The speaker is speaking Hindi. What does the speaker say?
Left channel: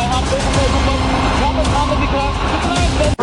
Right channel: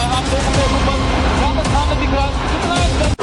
रहा है। आप देख रहे हैं ऊपर, यहाँ पर सामने दिख रहा है कितना